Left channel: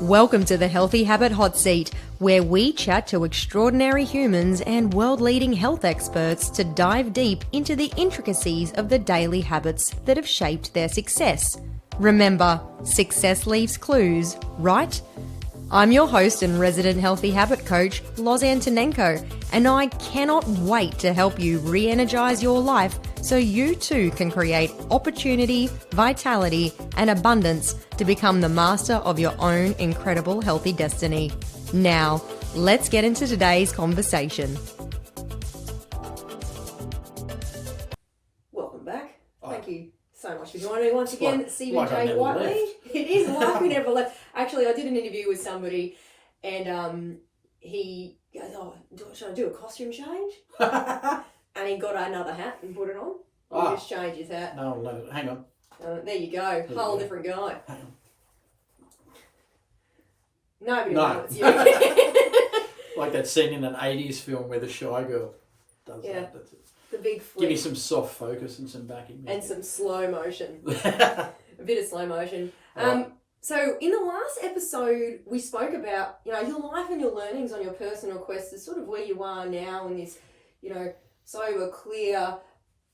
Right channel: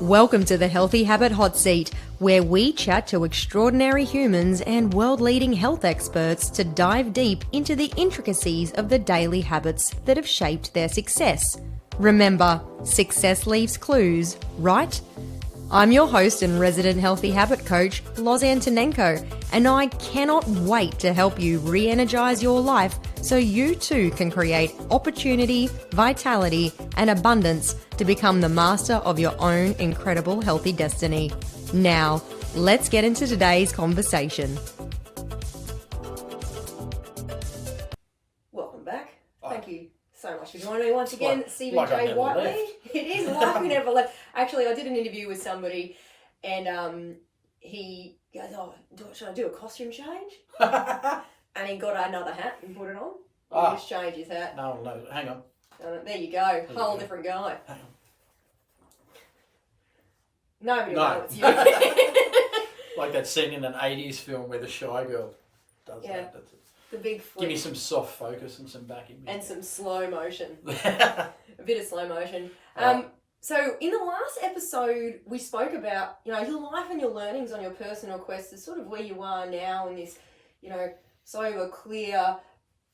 Welcome to the Healthy Habit Hotseat, where we chat to extraordinary humans and world-leading health experts to dive deep into the intricacies of the daily habits that have shaped their success. Remember, success leaves clues, right? I'm your host and resident healthy habit coach, Loz Antonenko, and I cannot wait to help you re-energize your life so you too can create opportunity, vitality, and abundance to become the master of your own incredible healthy destiny. Now, let's get into today's conversation. Welcome back. Thank you so much for joining me once again, Steven J Whiteley. It is like we never left. Actually, I did an interview with somebody, and he goes, "Oh, should I do a costume change?" And he got another hat and put it on. He just changed his hat. No, hang on. There you go. Whole different guy. Hang on. Nobody No. knows. Yeah. Like that scene in an 80s film where the shy girl does that. That's it. The big flip. Give me some soft focus and some backing music. And some slow motion. A bit of slow motion. So in the last episode, we spoke about, your life and your learnings on your personal quest is sort of where you are now in this, sober, clear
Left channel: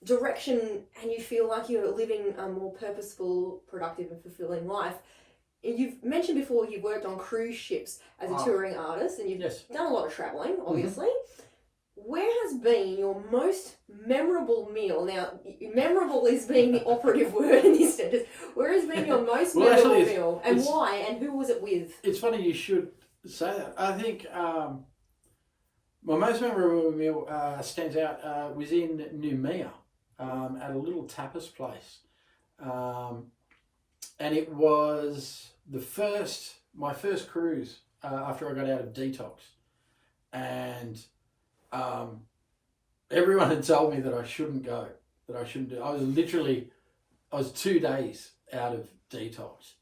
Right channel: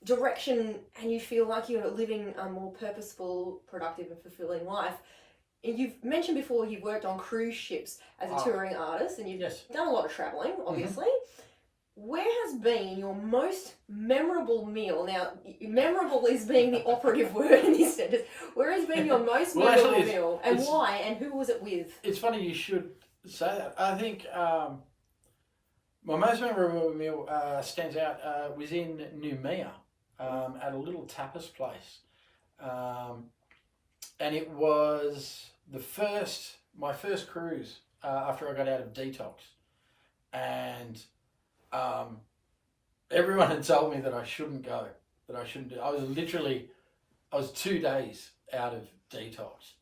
direction, and you feel like you're living a more purposeful, productive and fulfilling life. You've mentioned before you've worked on cruise ships as a touring artist, and you've done a lot of travelling, obviously. Mm-hmm. Where has been your most memorable meal? Now, memorable is being the operative word in this sentence. Where has been your most memorable meal, and why, and who was it with? It's funny you should say that. I think my most memorable meal stands out was in Noumea at a little tapas place. And it was my first cruise after I got out of detox. And everyone had told me that I shouldn't go, that I shouldn't do. I was 2 days out of detox.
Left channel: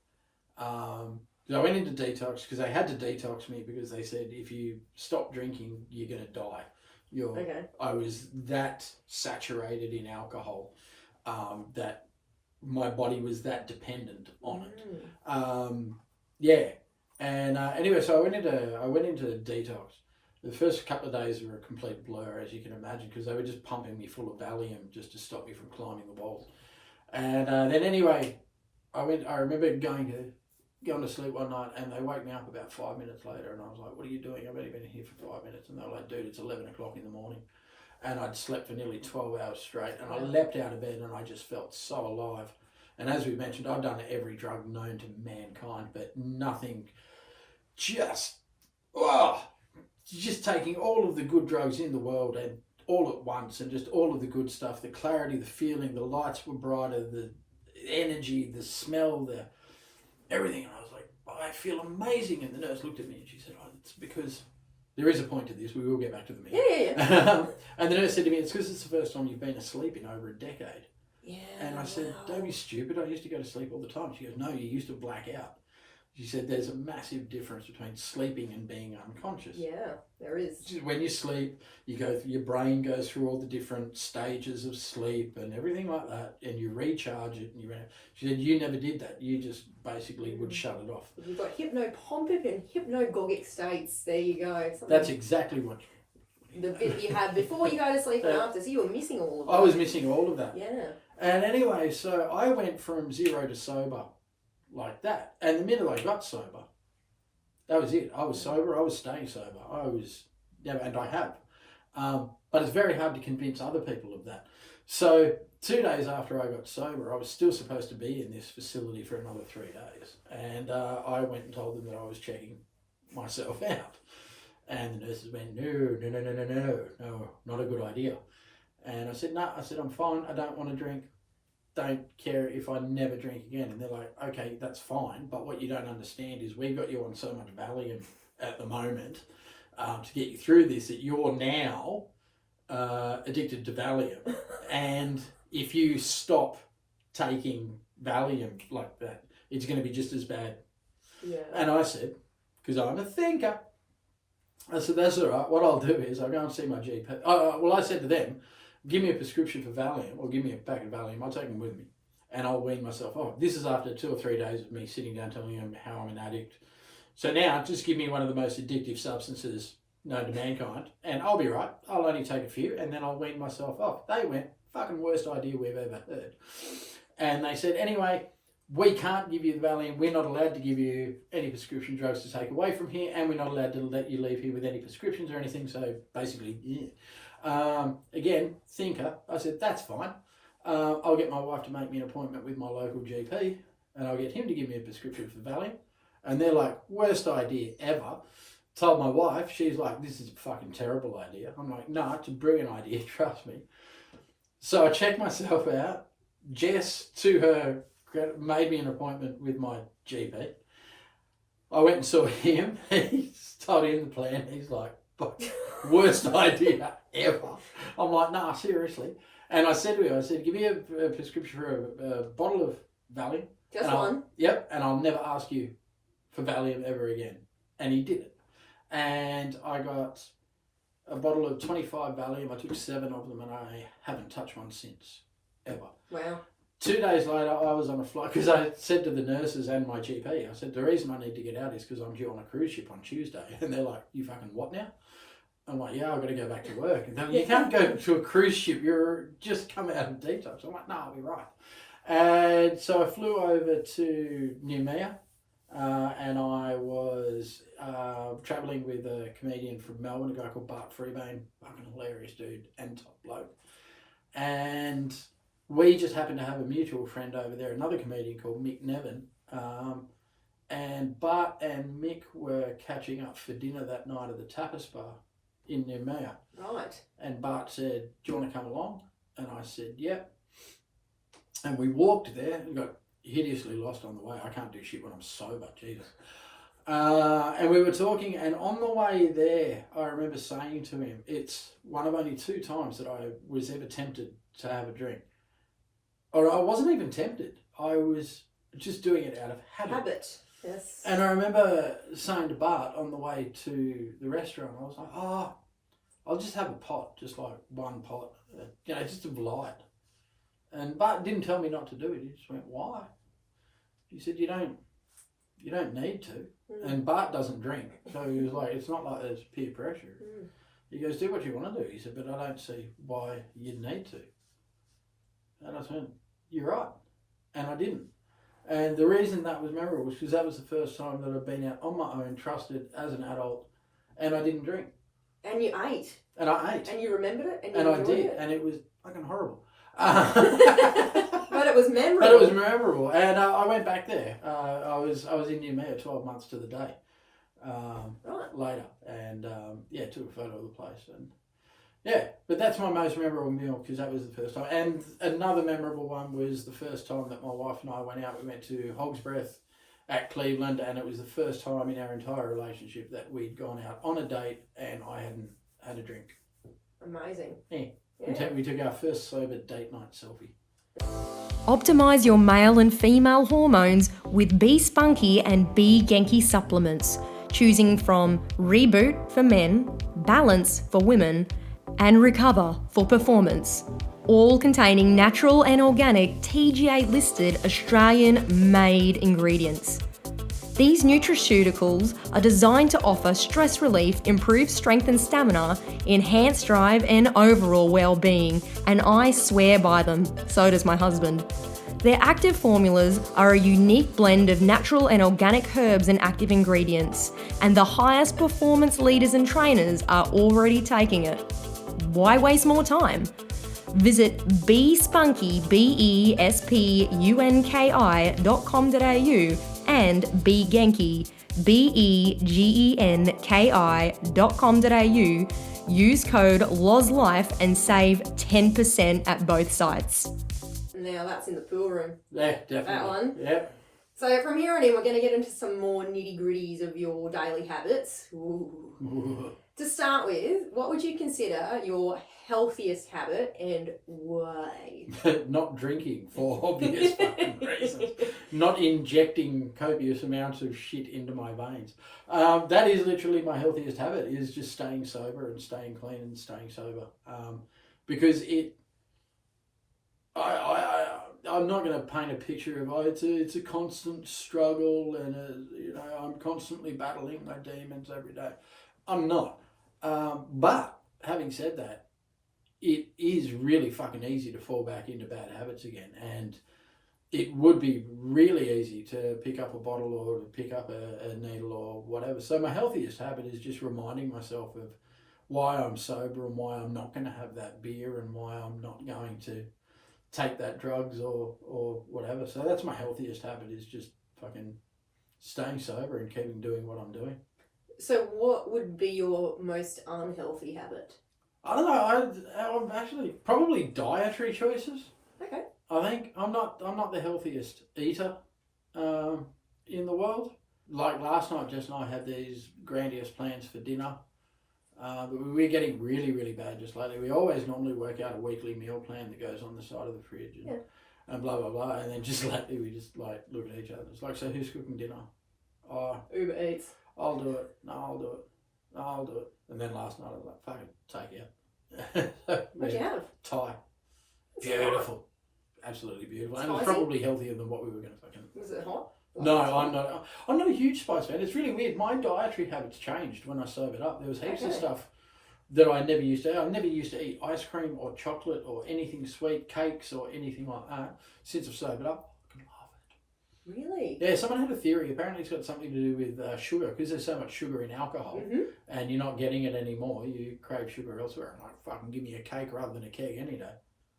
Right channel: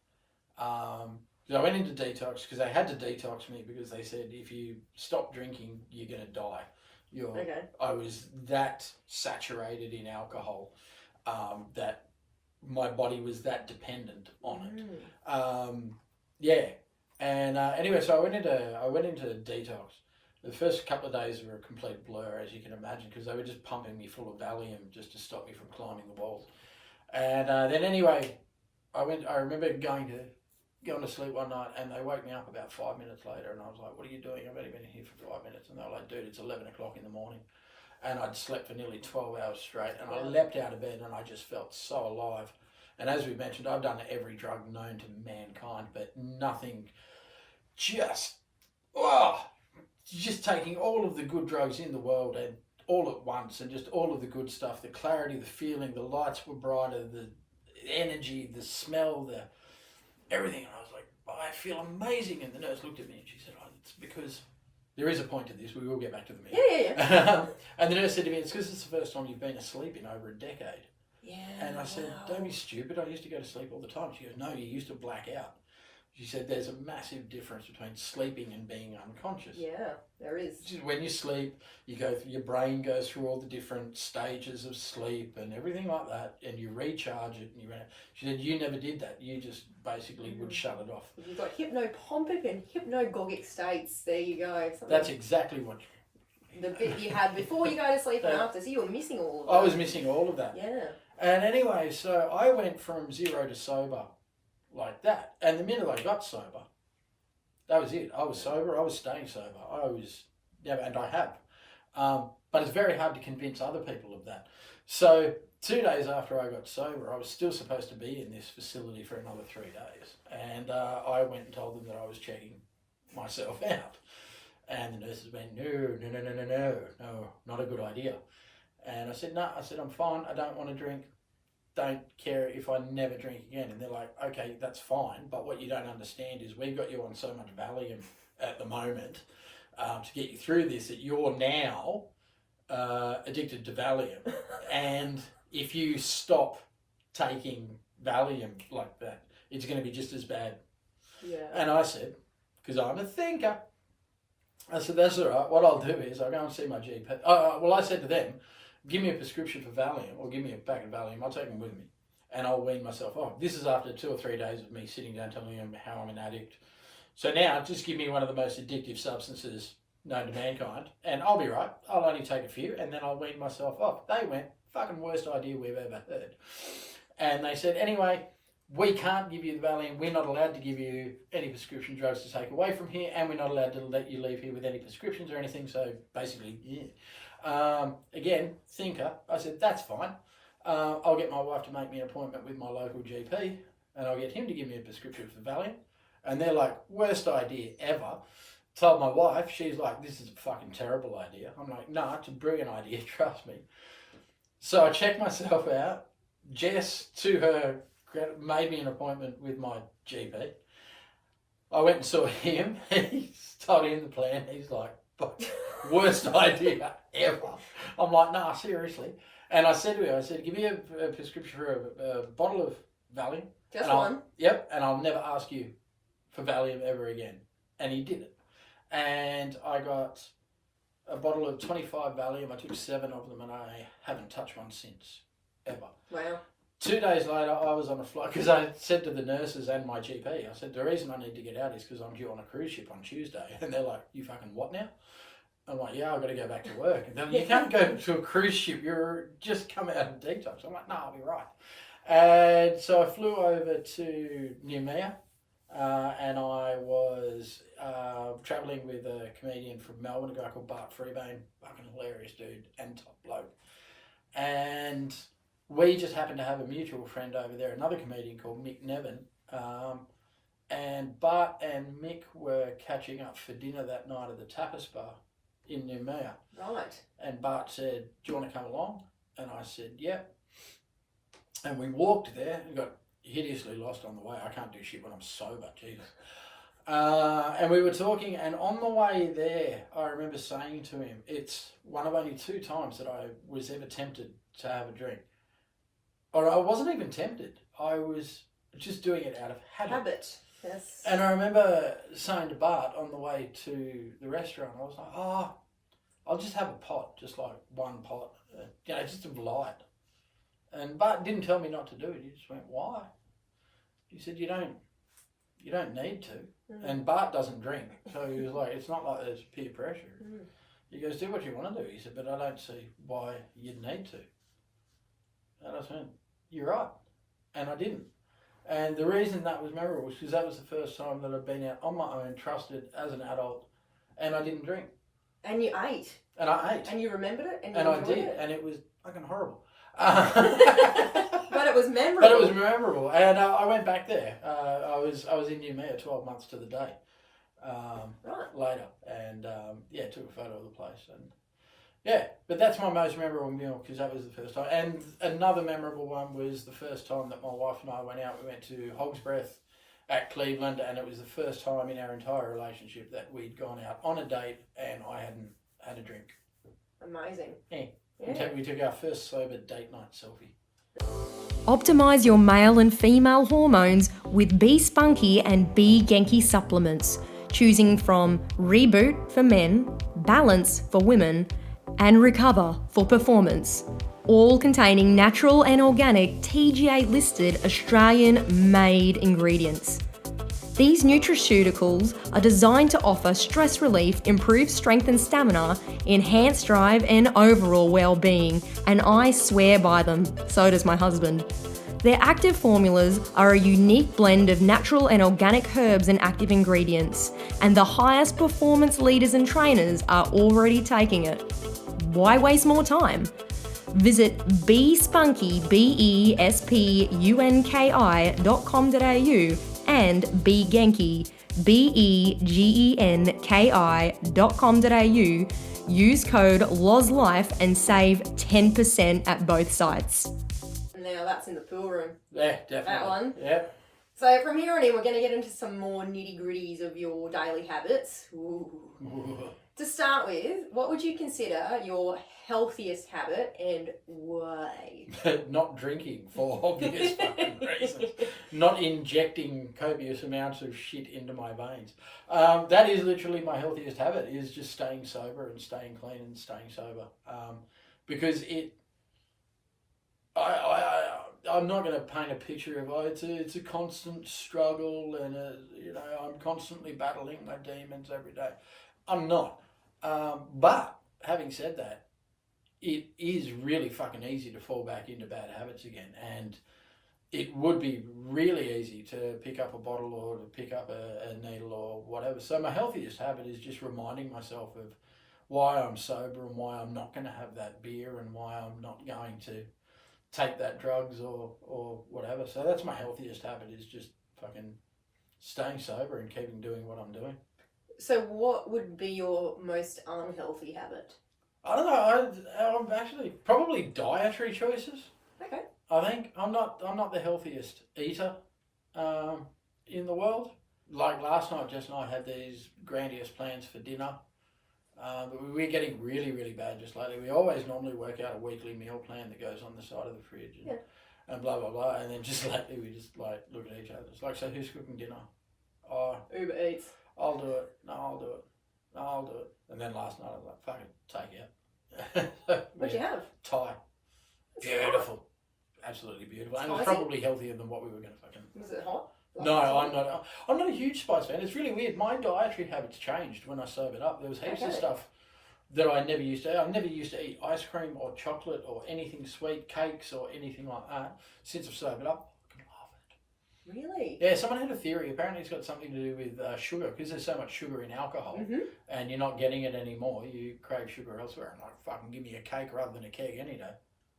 So I went into detox because they had to detox me because they said if you stop drinking, you're going to die. I was that saturated in alcohol that my body was that dependent on it. And anyway, so I went into detox. The first couple of days were a complete blur, as you can imagine, because they were just pumping me full of Valium just to stop me from climbing the walls. And then anyway, I remember going to sleep one night, and they woke me up about 5 minutes later, and I was like, "What are you doing? I've only been here for 5 minutes." And they were like, "Dude, it's 11 o'clock in the morning." And I'd slept for nearly 12 hours straight, and I leapt out of bed, and I just felt so alive. And as we mentioned, I've done every drug known to mankind, but nothing just taking all of the good drugs in the world and all at once, and just all of the good stuff, the clarity, the feeling, the lights were brighter, the energy, the smell, the everything. And I was like, I feel amazing. And the nurse looked at me and she said, it's because there is a point to this. We will get back to the meal. Yeah. And the nurse said to me, it's because it's the first time you've been asleep in over a decade. Yeah. And I said, don't be stupid. I used to go to sleep all the time. She goes, no, you used to black out. She said there's a massive difference between sleeping and being unconscious. Yeah, there is. When you sleep, your brain goes through all the different stages of sleep and everything like that, and you recharge it. She said you never did that. You just basically would shut it off. You've got hypnopompic and hypnagogic states. There you go. That's exactly what the bit you had before you go to sleep and after. So you were missing all of that. I was missing all of that. Yeah. And anyway, so I went from 0 to sober like that. And the minute I got sober, that was it. I was sober. I was staying sober. And I have. But it's very hard to convince other people of that. So 2 days after I got sober, I was still supposed to be in this facility for another 3 days. And I went and told them that I was checking myself out. And the nurses went, no, not a good idea. And I said, no, I'm fine. I don't want to drink. Don't care if I never drink again. And they're like, okay, that's fine. But what you don't understand is we've got you on so much Valium at the moment to get you through this that you're now addicted to Valium. And if you stop taking Valium like that, it's going to be just as bad. Yeah. And I said, because I'm a thinker, I said, that's all right. What I'll do is I'll go and see my GP. I said to them, give me a prescription for Valium or give me a pack of Valium. I'll take them with me and I'll wean myself off. This is after 2 or 3 days of me sitting down telling them how I'm an addict, So now just give me one of the most addictive substances known to mankind and I'll be right. I'll only take a few and then I'll wean myself off. They went, fucking worst idea we've ever heard. And they said, anyway, we can't give you the Valium. We're not allowed to give you any prescription drugs to take away from here, and we're not allowed to let you leave here with any prescriptions or anything. So basically, yeah. Again, thinker. I said, that's fine. I'll get my wife to make me an appointment with my local GP, and I'll get him to give me a prescription for Valium. And they're like, worst idea ever. Told my wife, she's like, this is a fucking terrible idea. I'm like, nah, it's a brilliant idea, trust me. So I checked myself out. Jess, to her, made me an appointment with my GP. I went and saw him. He told him the plan. He's like, worst idea ever. I'm like, nah, seriously. And I said to him, give me a prescription for a bottle of Valium. Just one? Yep, and I'll never ask you for Valium ever again. And he did it. And I got a bottle of 25 Valium. I took 7 of them and I haven't touched one since, ever. Wow. 2 days later, I was on a flight because I said to the nurses and my GP, I said, the reason I need to get out is because I'm due on a cruise ship on Tuesday. And they're like, you fucking what now? I'm like, yeah, I've got to go back to work. And they're like, you can't go to a cruise ship. You're just come out of detox. I'm like, no, I'll be right. And so I flew over to Noumea and I was travelling with a comedian from Melbourne, a guy called Bart Freebane, fucking hilarious dude and top bloke. And we just happened to have a mutual friend over there, another comedian called Mick Nevin. And Bart and Mick were catching up for dinner that night at the tapas bar in Noumea. Right. And Bart said, do you want to come along? And I said, yeah. And we walked there and got hideously lost on the way. I can't do shit when I'm sober, Jesus. And we were talking, and on the way there, I remember saying to him, it's one of only 2 times that I was ever tempted to have a drink. Or I wasn't even tempted. I was just doing it out of habit. Yes. And I remember saying to Bart on the way to the restaurant, I was like, I'll just have a pot, just like one pot, just of light. And Bart didn't tell me not to do it. He just went, why? He said, you don't need to. Mm. And Bart doesn't drink. So he was like, it's not like there's peer pressure. Mm. He goes, do what you want to do. He said, but I don't see why you'd need to. And I said, you're right. And I didn't. And the reason that was memorable was because that was the first time that I'd been out on my own, trusted as an adult, and I didn't drink. And you ate. And I ate. And you remembered it? And I did. And it was fucking horrible. But it was memorable. But it was memorable. And I went back there. I was in Noumea 12 months to the day later. And took a photo of the place. And yeah, but that's my most memorable meal because that was the first time. And another memorable one was the first time that my wife and I went out. We went to Hog's Breath at Cleveland, and it was the first time in our entire relationship that we'd gone out on a date and I hadn't had a drink. Amazing. Yeah. We took our first sober date night selfie. Optimize your male and female hormones with Be Spunky and Be Genki supplements, choosing from Reboot for men, Balance for women, and Recover for performance, all containing natural and organic TGA-listed Australian-made ingredients. These nutraceuticals are designed to offer stress relief, improve strength and stamina, enhance drive and overall well-being, and I swear by them, so does my husband. Their active formulas are a unique blend of natural and organic herbs and active ingredients, and the highest performance leaders and trainers are already taking it. Why waste more time? Visit bespunky, bespunki.com.au and begenki, begenki.com.au. Use code LOZLIFE and save 10% at both sites. Now that's in the pool room. Yeah, definitely. That one. Yep. So from here on in, we're going to get into some more nitty-gritties of your daily habits. Ooh. To start with, what would you consider your healthiest habit and why? Not drinking for obvious fucking reasons. Not injecting copious amounts of shit into my veins. That is literally my healthiest habit, is just staying sober and staying clean and staying sober. Because I'm not going to paint a picture of it's a constant struggle and I'm constantly battling my demons every day. I'm not. But having said that, it is really fucking easy to fall back into bad habits again, and it would be really easy to pick up a bottle or to pick up a needle or whatever. So my healthiest habit is just reminding myself of why I'm sober and why I'm not going to have that beer and why I'm not going to take that drugs or whatever. So that's my healthiest habit, is just fucking staying sober and keeping doing what I'm doing. So what would be your most unhealthy habit? I don't know. I'm actually probably dietary choices. Okay. I think I'm not the healthiest eater in the world. Like last night, Jess and I had these grandiose plans for dinner. But we're getting really, really bad just lately. We always normally work out a weekly meal plan that goes on the side of the fridge and blah, blah, blah. And then just lately we just like look at each other. It's like, so who's cooking dinner? Oh, Uber Eats. I'll do it. No, I'll do it. No, I'll do it. And then last night I was like, fucking take it. What'd you have? Thai. Beautiful. Absolutely beautiful. And it was probably healthier than what we were going to fucking... Was it hot? No, I'm not a huge spice fan. It's really weird. My dietary habits changed when I sobered up. There was heaps of stuff that I never used to eat. I never used to eat ice cream or chocolate or anything sweet, cakes or anything like that. Since I've sobered up, I can love it. Really? Yeah, someone had a theory. Apparently it's got something to do with sugar, because there's so much sugar in alcohol and you're not getting it anymore. You crave sugar elsewhere. And like, fucking give me a cake rather than a keg any day.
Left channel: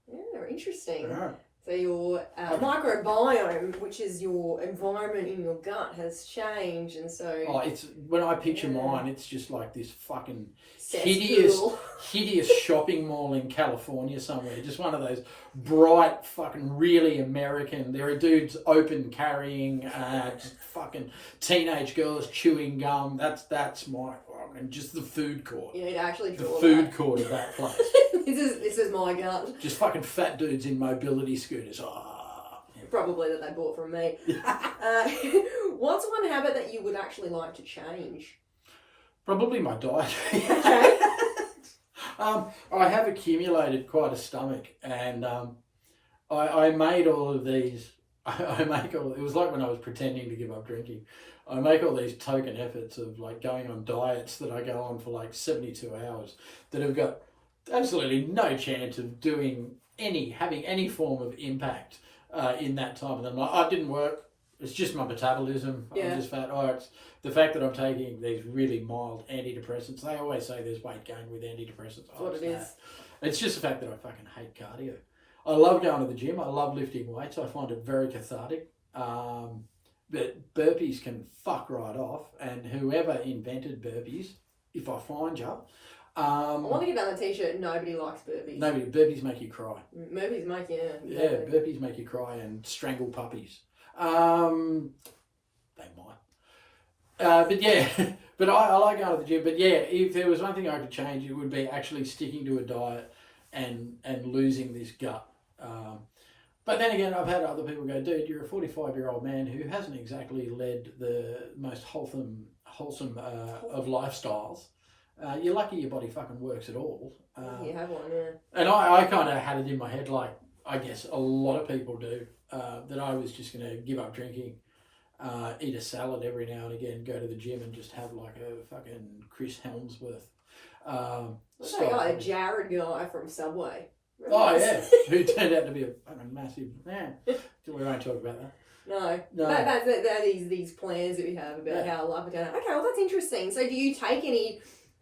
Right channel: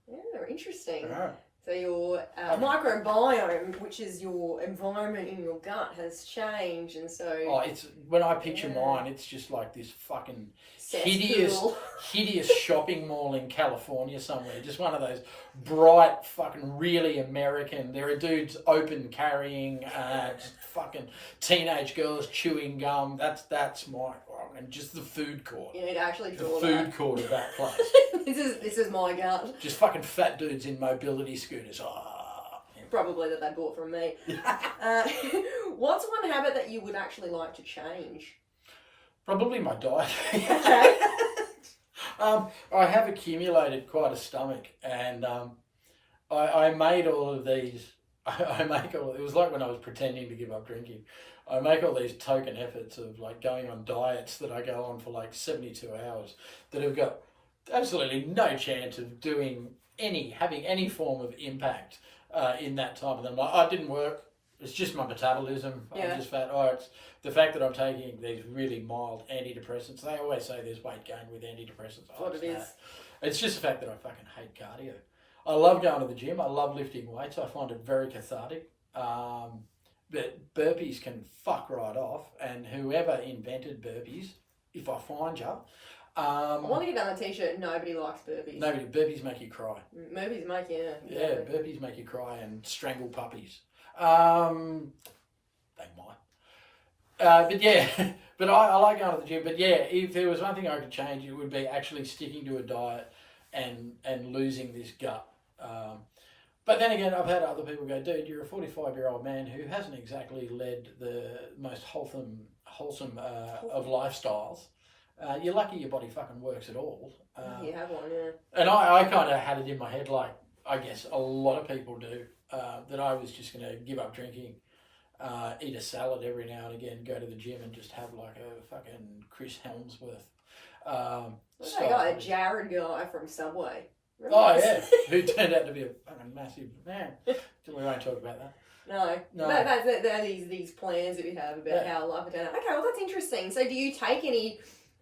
Yeah, interesting. Yeah. So your microbiome, which is your environment in your gut, has changed, and so... Oh, it's when I picture mine, it's just like this fucking cesspool. hideous shopping mall in California somewhere. Just one of those bright, fucking really American. There are dudes open carrying, just fucking teenage girls chewing gum. That's my fucking just the food court. You need to actually draw the food court of that place. This is my gut. Just fucking fat dudes in mobility scooters. Probably that they bought from me. What's one habit that you would actually like to change? Probably my diet. Okay. I have accumulated quite a stomach, and I made all of these. It was like when I was pretending to give up drinking. I make all these token efforts of like going on diets that I go on for like 72 hours that have got absolutely no chance of having any form of impact in that time. And I'm like, oh, it didn't work. It's just my metabolism. I'm just fat. Oh, it's the fact that I'm taking these really mild antidepressants. They always say there's weight gain with antidepressants. What it is. It's just the fact that I fucking hate cardio. I love going to the gym. I love lifting weights. I find it very cathartic. But burpees can fuck right off. And whoever invented burpees, if I find you... I want to get on a t-shirt, nobody likes burpees. Burpees make you cry. Burpees make you... Yeah, burpees make you cry and strangle puppies. They might. But yeah, but I like going to the gym. But yeah, if there was one thing I could change, it would be actually sticking to a diet and losing this gut. But then again, I've had other people go, dude, you're a 45-year-old man who hasn't exactly led the most wholesome of lifestyles. You're lucky your body fucking works at all. You have one, yeah. And I kind of had it in my head, like I guess a lot of people do, that I was just going to give up drinking, eat a salad every now and again, go to the gym and just have like a fucking Chris Helmsworth. What's that guy, a Jared guy from Subway? Oh yeah, who turned out to be a fucking massive man. We won't talk about that. No. There are these plans that we have about how life is going. Okay, well that's interesting. So do you take any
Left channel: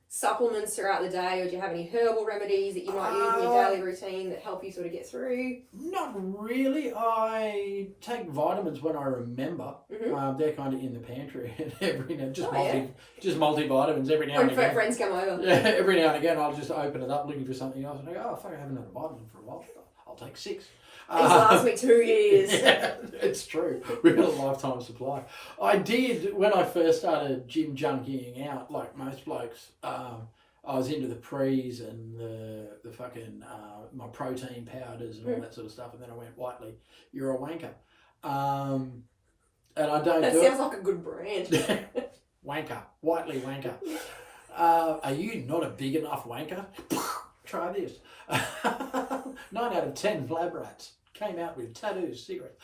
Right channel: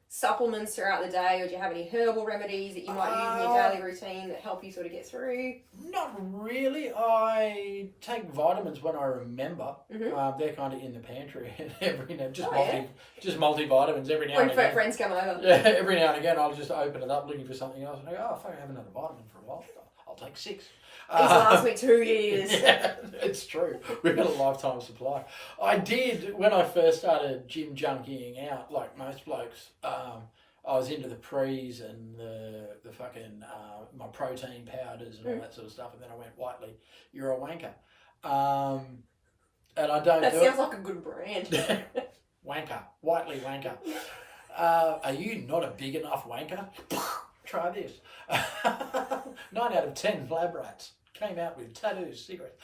supplements throughout the day, or do you have any herbal remedies that you might use in your daily routine that help you sort of get through? Not really. I take vitamins when I remember. They're kind of in the pantry every now, just multivitamins every now and again. Friends come over. Yeah, every now and again I'll just open it up looking for something else and I go, oh fuck, I haven't had a vitamin for a while. I'll take 6. It's last me 2 years. Yeah, it's true. We've got a lifetime supply. I did, when I first started gym junkying out, like most blokes, I was into the pre's and the fucking, my protein powders and all that sort of stuff. And then I went, Whiteley, you're a wanker. And I don't that do it. That sounds like a good brand. Wanker. Whiteley wanker. Are you not a big enough wanker? Try this. 9 out of 10 lab rats came out with tattoos, cigarettes.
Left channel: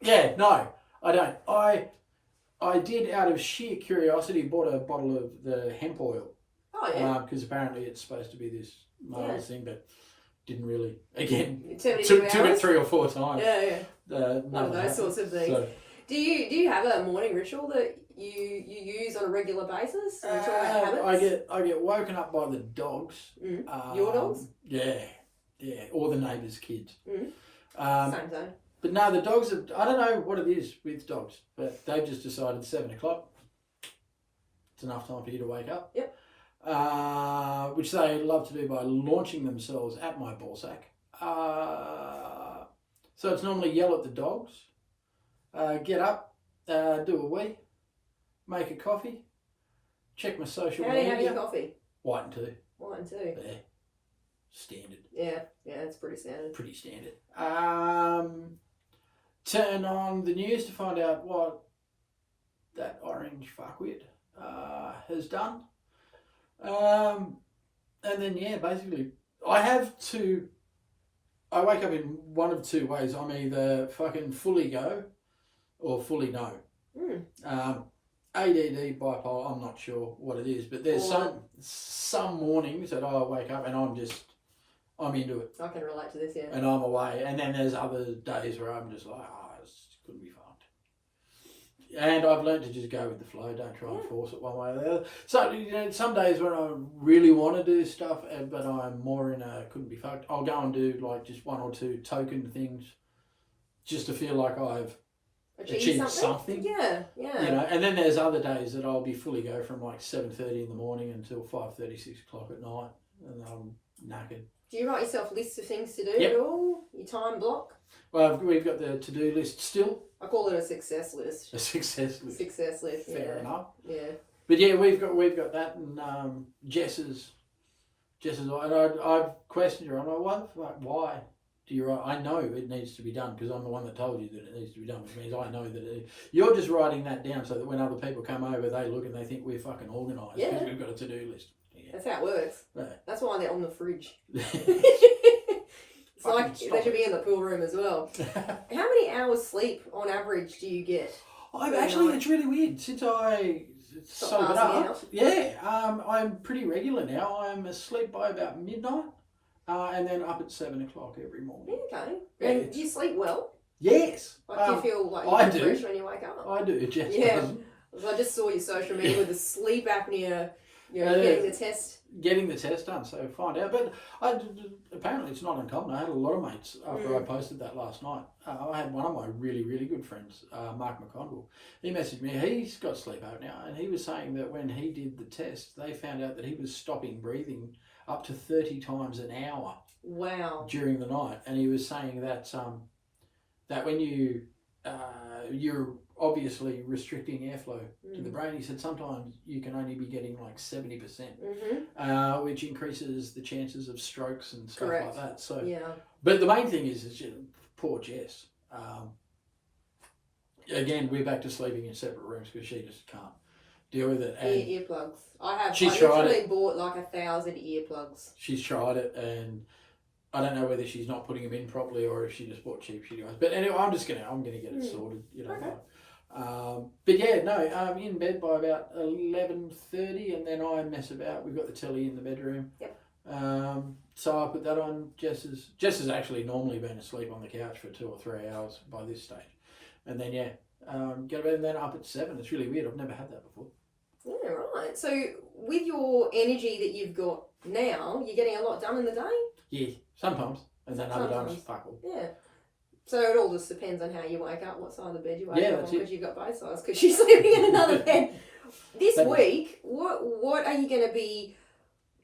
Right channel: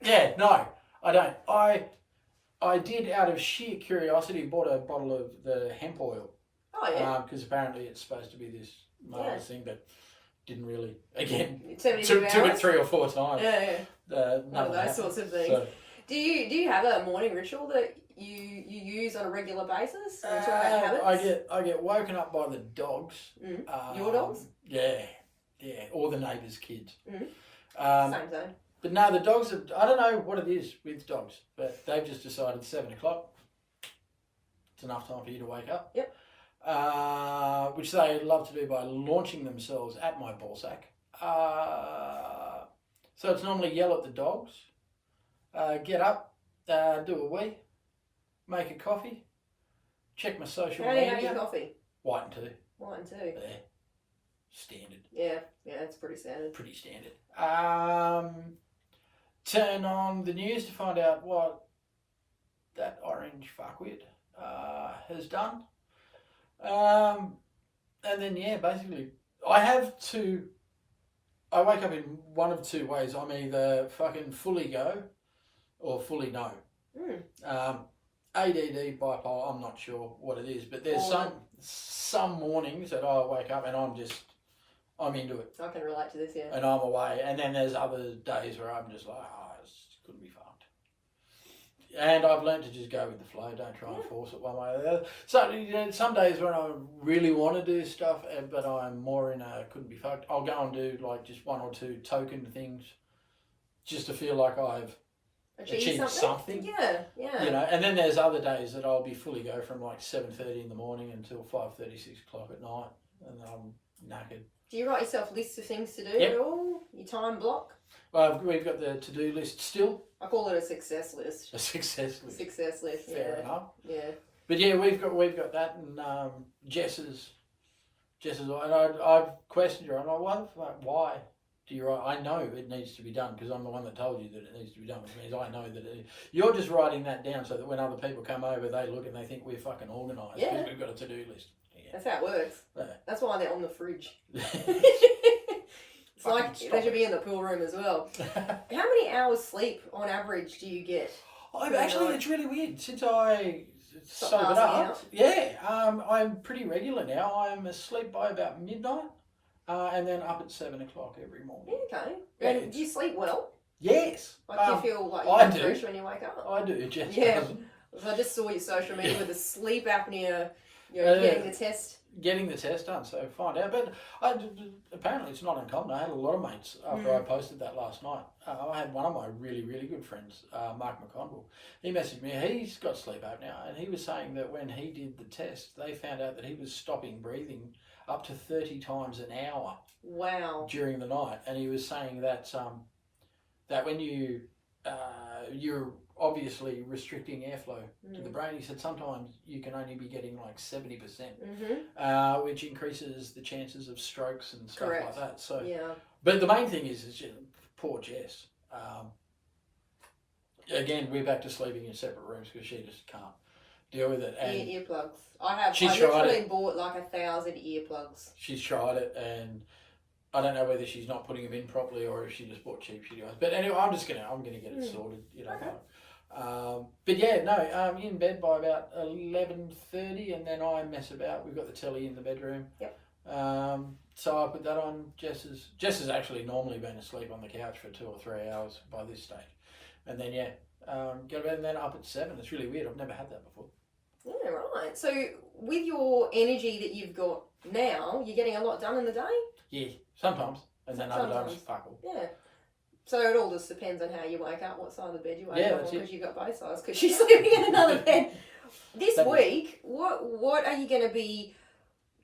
Yeah, no, I don't. I did, out of sheer curiosity, bought a bottle of the hemp oil. Oh, yeah. Because apparently it's supposed to be this marvelous thing, but didn't really. Again, 72 took it hours? 3 or 4 times. Yeah. None One of of those that. sorts of things. So, Do you have a morning ritual that you use on a regular basis? Are you talking about habits? I get woken up by the dogs. Your dogs? Yeah, or the neighbours' kids. Same. But no, the dogs have, I don't know what it is with dogs, but they've just decided 7 o'clock. It's enough time for you to wake up. Yep. Which they love to do by launching themselves at my ballsack. So it's normally yell at the dogs, get up, do a wee, make a coffee, check my social How do you media. have your coffee? White and 2. White and 2. Yeah. Standard. Yeah, it's pretty standard. Pretty standard. Turn on the news to find out what that orange fuckwit has done. And then, basically, I wake up in one of 2 ways. I'm either fucking fully go or fully no. ADD, bipolar, I'm not sure what it is, but there's some mornings that I wake up and I'm into it. I can relate to this, yeah. And I'm away. And then there's other days where I'm just like, this couldn't be fucked. And I've learned to just go with the flow. Don't try and force it one way or the other. So, some days when I really want to do stuff, but I'm more in a couldn't be fucked, I'll go and do like just 1 or 2 token things just to feel like I've achieved something. Yeah. And then there's other days that I'll be fully go from like 7:30 in the morning until 5:30, 6 o'clock at night. And I'm knackered. Do you write yourself lists of things to do Yep. at all? Your time block? Well, we've got the to-do list still. I call it a success list. A success list. Success list, Fair enough. Yeah. But yeah, we've got that, and Jess's, and I've questioned her. I'm like, why do you write? I know it needs to be done because I'm the one that told you that it needs to be done, which means I know that you're just writing that down so that when other people come over, they look and they think we're fucking organised because we've got a to-do list. Yeah. That's how it works. Yeah. That's why they're on the fridge. It's like they should be in the pool room as well. How many hours sleep on average do you get? It's really weird. Since I sobered up, I'm pretty regular now. I'm asleep by about midnight, and then up at 7 o'clock every morning. Okay. Yeah, And do you sleep well? Yes. Like, do you feel like I you're fresh when you wake up? I do. Jess doesn't. I just saw your social media with the sleep apnea. Getting the test. Getting the test done, so find out. But apparently it's not uncommon. I had a lot of mates after I posted that last night. I had one of my really, really good friends, Mark McConville. He messaged me. He's got sleep apnea, and he was saying that when he did the test, they found out that he was stopping breathing up to 30 times an hour. Wow. During the night, and he was saying that that when you're obviously restricting airflow to the brain. He said sometimes you can only be getting like 70%, which increases the chances of strokes and stuff like that. So, but the main thing is just, poor Jess. Again, we're back to sleeping in separate rooms because she just can't deal with it. And earplugs. I tried literally bought like 1,000 earplugs. She's tried it, and I don't know whether she's not putting them in properly or if she just bought cheap shitty ones. But anyway, I'm gonna get it sorted, But yeah, no, I'm in bed by about 11:30, and then I mess about. We've got the telly in the bedroom. Yep. So I put that on. Jess has actually normally been asleep on the couch for 2 or 3 hours by this stage, and then go to bed and then up at 7. It's really weird. I've never had that before. Yeah, right. So with your energy that you've got now, you're getting a lot done in the day? Yeah, sometimes. And then other times, fuck all. Yeah. So it all just depends on how you wake up, what side of the bed you wake up on, because you've got both sides, because you're sleeping in another bed. This week, what are you going to be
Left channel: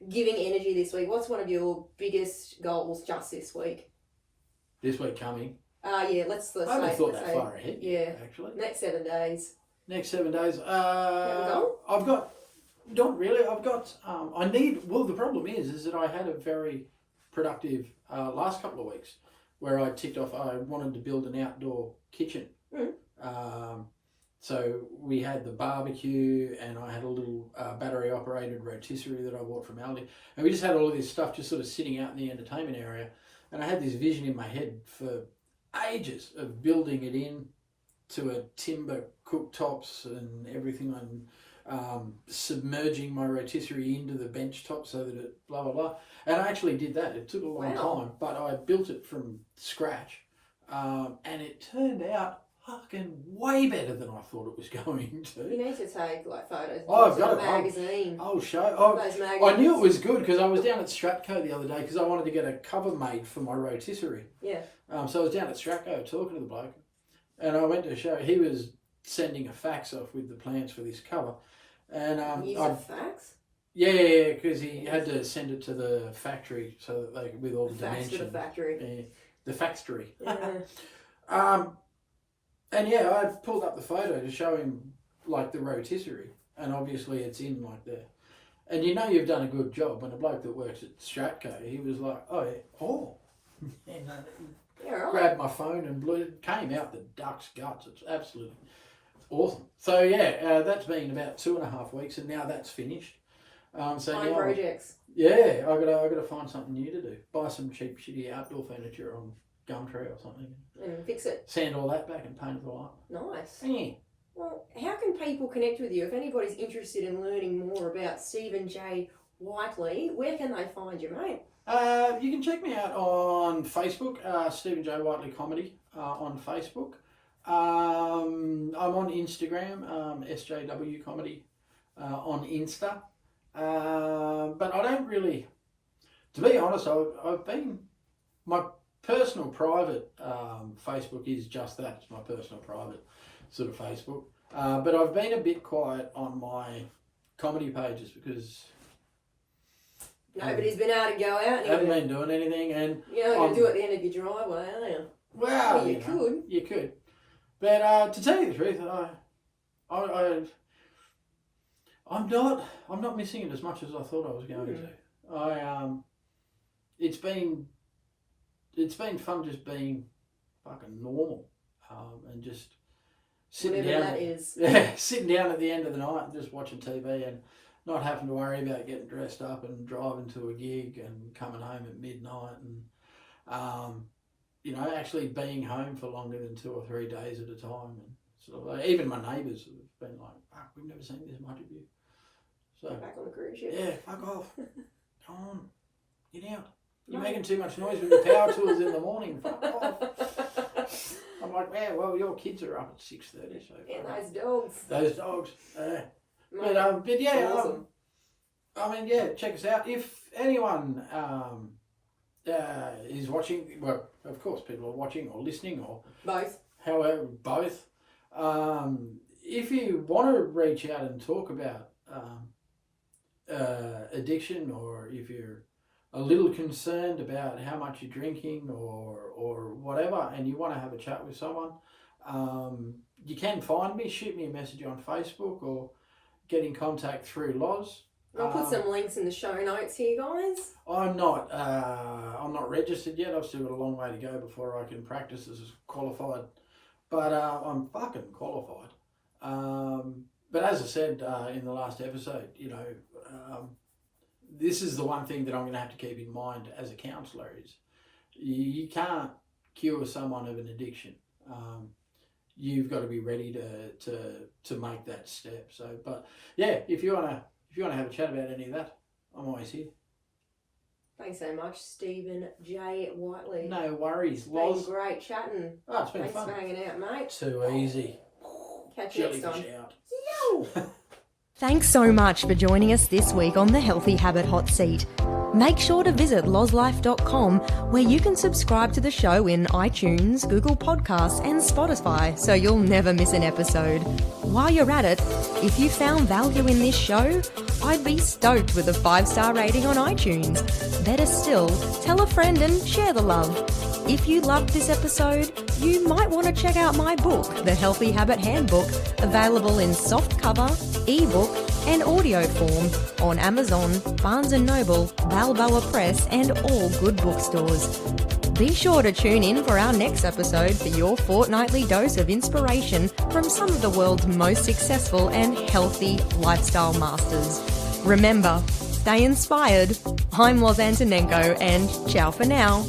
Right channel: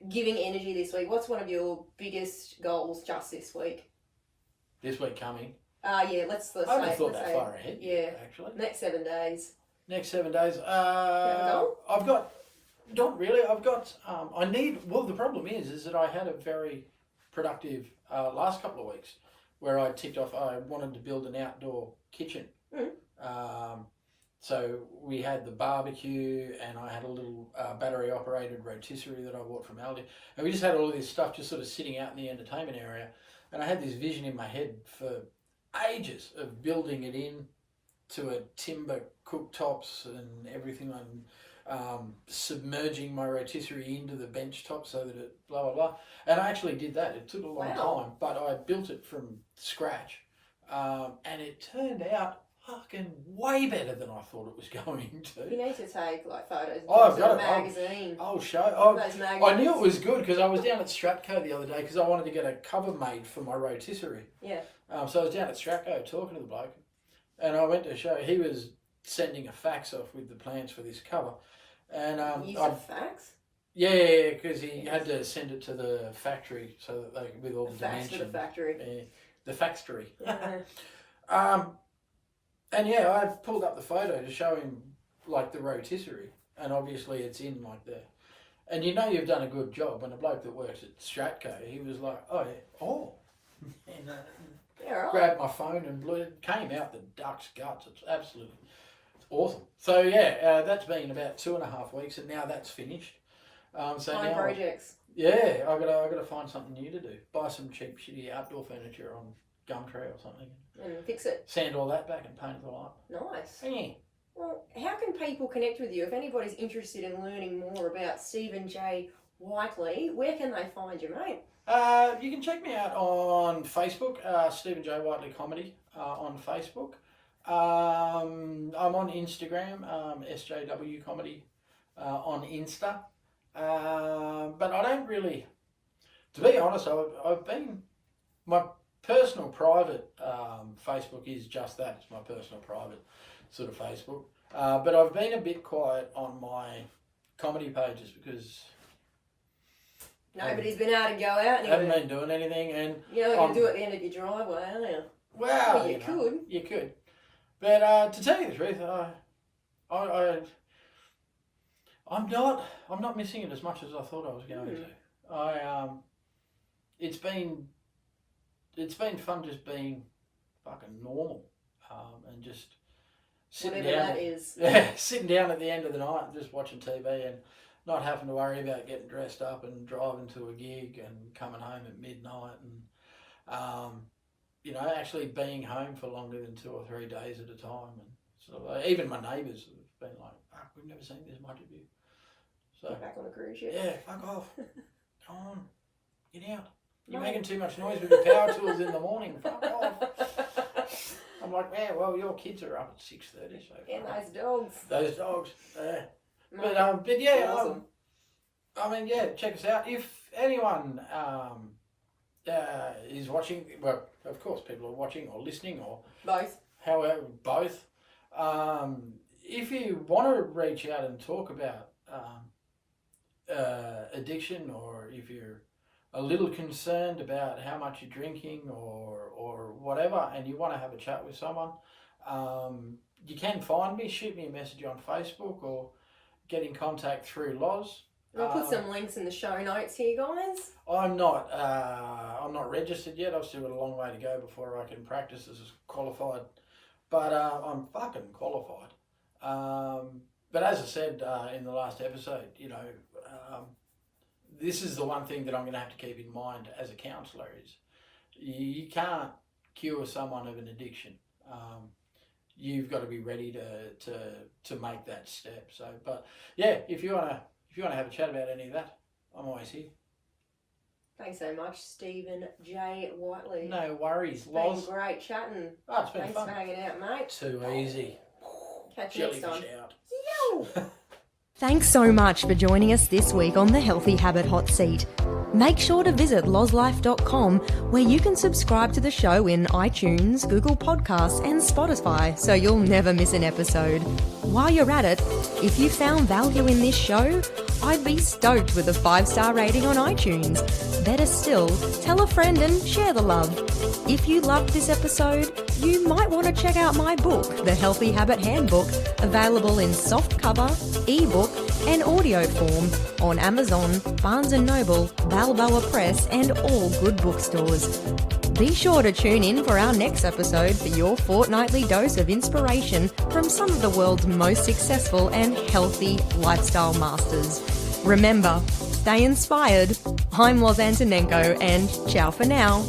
giving energy this week? What's one of your biggest goals just this week? This week coming? Yeah, let's I haven't thought that far ahead. Yeah. Actually. Next 7 days. Next 7 days. I've got, not really, I've got, the problem is that I had a very productive last couple of weeks where I ticked off, I wanted to build an outdoor kitchen. So we had the barbecue, and I had a little battery operated rotisserie that I bought from Aldi, and we just had all of this stuff just sort of sitting out in the entertainment area. And I had this vision in my head for ages of building it in to a timber cooktops and everything. I'm submerging my rotisserie into the bench top so that it blah, blah, blah. And I actually did that. It took a long time, but I built it from scratch. And it turned out fucking way better than I thought it was going to. You need to take like photos. Oh, I've got a it. magazine. I'll show. Those magazines. I knew it was good because I was down at Stratco the other day because I wanted to get a cover made for my rotisserie. Yeah. So I was down at Stratco talking to the bloke, and I went to show. He was sending a fax off with the plans for this cover, and Use a fax. Yeah, because he had to send it to the factory so that they with all the Fax dimensions. to the factory. Yeah, the factory. Yeah. And yeah, I pulled up the photo to show him like the rotisserie, and obviously it's in like there. And you know you've done a good job when a bloke that works at Stratco, he was like, oh yeah, oh. And Yeah, right. grabbed my phone and blew it, came out the duck's guts. It's absolutely awesome. So yeah, that's been about 2.5 weeks, and now that's finished. So Fine now, projects. yeah, I gotta find something new to do. Buy some cheap, shitty outdoor furniture on Gumtree or something. And fix it. Sand all that back and paint it all up. Nice. Yeah. Well, how can people connect with you? If anybody's interested in learning more about Steven J Whiteley, where can they find you, mate? You can check me out on Facebook, Steven J Whiteley Comedy on Facebook. I'm on Instagram, SJW Comedy on Insta. But I don't really, to be honest, I've been, my personal private Facebook is just that. It's my personal private sort of Facebook. But I've been a bit quiet on my comedy pages because Nobody's been able to go out. I haven't been doing anything, and you're not going to do it at the end of your driveway, are you? well, you could. But to tell you the truth, I'm not missing it as much as I thought I was going to. It's been fun just being fucking normal, and just sitting Whatever down. that is. Yeah, sitting down at the end of the night and just watching TV and not having to worry about getting dressed up and driving to a gig and coming home at midnight and actually being home for longer than 2 or 3 days at a time. And sort of, even my neighbours have been like, "Fuck, we've never seen this much of you." So Back on the cruise ship. yeah, fuck off. Come on, get out. You're making too much noise with your power tools in the morning. Fuck off. I'm like, yeah, well, your kids are up at 6:30, so Yeah, those dogs. those dogs. Mate, But yeah, awesome. Check us out. If anyone is watching, well, of course, people are watching or listening or Both. however, both. If you want to reach out and talk about addiction, or if you're a little concerned about how much you're drinking or whatever, and you want to have a chat with someone, you can find me, shoot me a message on Facebook, or get in contact through Loz. We'll put some links in the show notes here, guys. I'm not registered yet. I've still got a long way to go before I can practice as qualified, but I'm fucking qualified. But as I said in the last episode, this is the one thing that I'm going to have to keep in mind as a counsellor is you can't cure someone of an addiction. You've got to be ready to make that step. So, but yeah, if you wanna have a chat about any of that, I'm always here. Thanks so much, Steven J Whiteley. No worries, It's Loz. been great chatting. Oh, it's been Thanks fun. for hanging out, mate. Too easy. Catch you next Jellyfish time. out. Yo! Thanks so much for joining us this week on the Healthy Habit Hot Seat. Make sure to visit lozlife.com, where you can subscribe to the show in iTunes, Google Podcasts and Spotify so you'll never miss an episode. While you're at it, if you found value in this show, I'd be stoked with a 5-star rating on iTunes. Better still, tell a friend and share the love. If you loved this episode, you might want to check out my book, The Healthy Habit Handbook, available in softcover, ebook and audio form on Amazon, Barnes & Noble, Balboa Press and all good bookstores. Be sure to tune in for our next episode for your fortnightly dose of inspiration from some of the world's most successful and healthy lifestyle masters. Remember, stay inspired. I'm Loz Antonenko and ciao for now.